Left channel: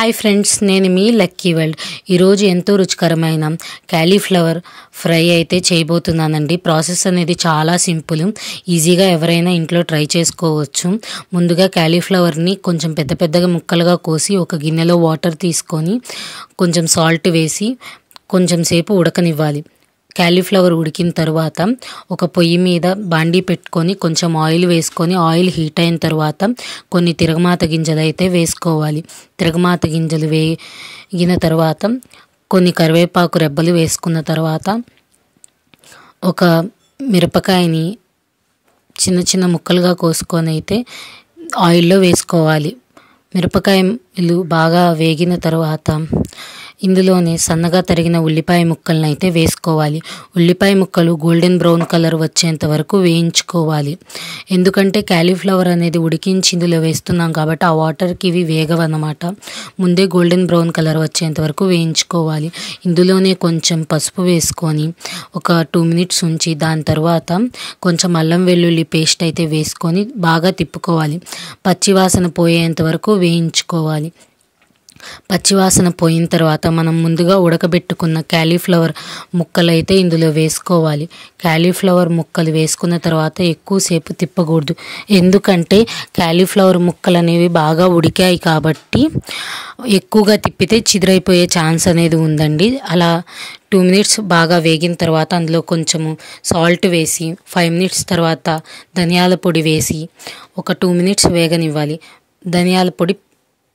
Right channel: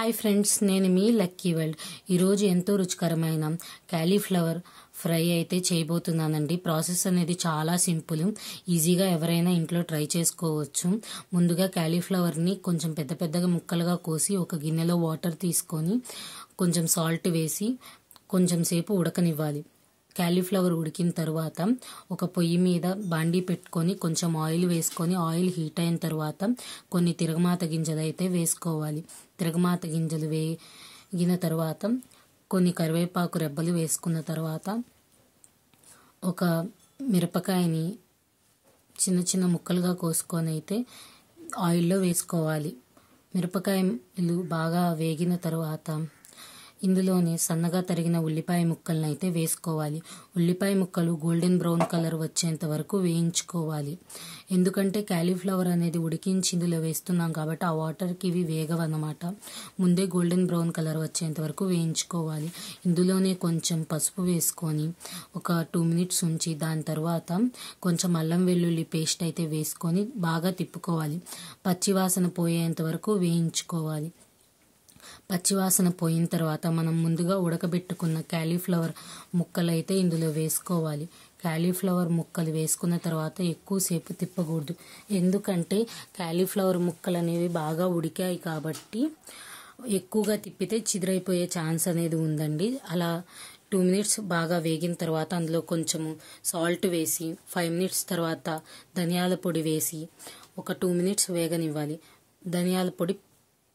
Hi friends, నేను మీ lucky world. ఈరోజు ఎంతో రుచికరమైన క్యాలీఫ్లవర్ ఫ్రై అయితే చేయబోతున్నానండి. ప్రాసెస్ అనేది చాలా సింపుల్, ఈజీగా ఎవరైనా ఇంట్లో ట్రై చేసుకోవచ్చు. ముందుగా క్యాలీఫ్లవర్ని కొంచెం పెద్ద పెద్దగా ముక్కలుగా కోసి ఒక గిన్నెలో వాటర్ తీసుకొని కొంచెం సాల్ట్ వేసి కొంచెం సేపు ఉడకనివ్వాలి. క్యాలీఫ్లవర్ ఉడికిన తర్వాత ఒక పొయ్యి మీద బాండీ పెట్టుకొని కొంచెం ఆయిల్ వేసుకొని ఆయిల్ హీట్ అయిన తర్వాత కొన్ని తిరగమాత గింజలు అయితే వేసుకోవాలి. తిరగమాత గింజలు వేగిన తర్వాత కొన్ని కరివేపాకు రెబ్బలు వేసుకున్న తర్వాత ఒక మిరపకాయని చిన్న చిన్న ముక్కలుగా కోసుకొని అయితే ఆయిల్లో వేసుకోవాలి. మిరపకాయలు బాగా వేగిన తర్వాత ఇందులోనే సన్నగా తరిగిన ఉల్లిపాయ ముక్కలను అయితే వేసుకోవాలి. ఉల్లిపాయ ముక్కలు గోల్డెన్ బ్రౌన్ కలర్ వచ్చేంత వరకు వేయించుకోవాలి. ఎందుకంటే క్యాలీఫ్లవర్ అనేది ఉడికించి ఇందులో వేస్తున్నాం కాబట్టి ఆ వాటర్కి ఇవి వేగవన్నమాట. ముందే గోల్డెన్ బ్రౌన్ కలర్ వచ్చేంత వరకు వేయించుకోవాలి. ఇందులోనే కొంచెం పసుపు వేసుకొని ఒక 2 minutes ఉంచి దాని తర్వాత కొంచెం అల్లం వెల్లుల్లి పేస్ట్ అయితే వేసుకొని బాగా తిప్పుకోవాలి. పచ్చివాసన పోయేంత వరకు వేయించుకోవాలి. పచ్చివాసన పోయిన తర్వాత మనం ముందుగా ఉడకబెట్టుకున్న క్యాలీఫ్లవర్ ముక్కలు అయితే ఇందులో వేసుకోవాలి. క్యాలీఫ్లవర్ ముక్కలు వేసుకున్న తర్వాత ఎక్కువసేపు తిప్పకూడదు, ఎందుకంటే క్యాలీఫ్లవర్ ముక్కలు అనేవి బాగా ఉడికాయి కాబట్టి ఎక్కువగా తిప్పితే చిదిరైపోయే ఛాన్స్ అనేది ఉందండి. అలా 2 minutes బాగా వేగిన తర్వాత అందులో కొంచెము సాల్ట్ వేసి 5 minutes తర్వాత ధనియాల పొడి వేసి ఒక 2 minutes వేగనివ్వాలి. ధనియాల పొడి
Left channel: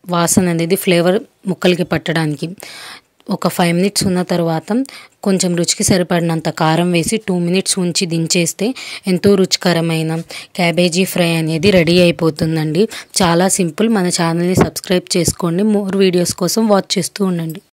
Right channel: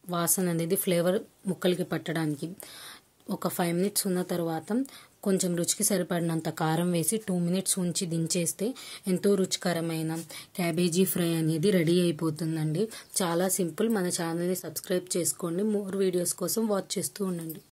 వాసన అనేది ఫ్లేవర్ ముక్కలకి పట్టడానికి ఒక 5 minutes ఉన్న తర్వాత కొంచెం రుచికి సరిపడినంత కారం వేసి 2 minutes ఉంచి దించేస్తే ఎంతో రుచికరమైన క్యాబేజీ ఫ్రై అనేది రెడీ అయిపోతుందండి. చాలా సింపుల్. మన ఛానల్ని సబ్స్క్రైబ్ చేసుకోండి. మోర్ వీడియోస్ కోసం వాచ్ చేస్తూ ఉండండి.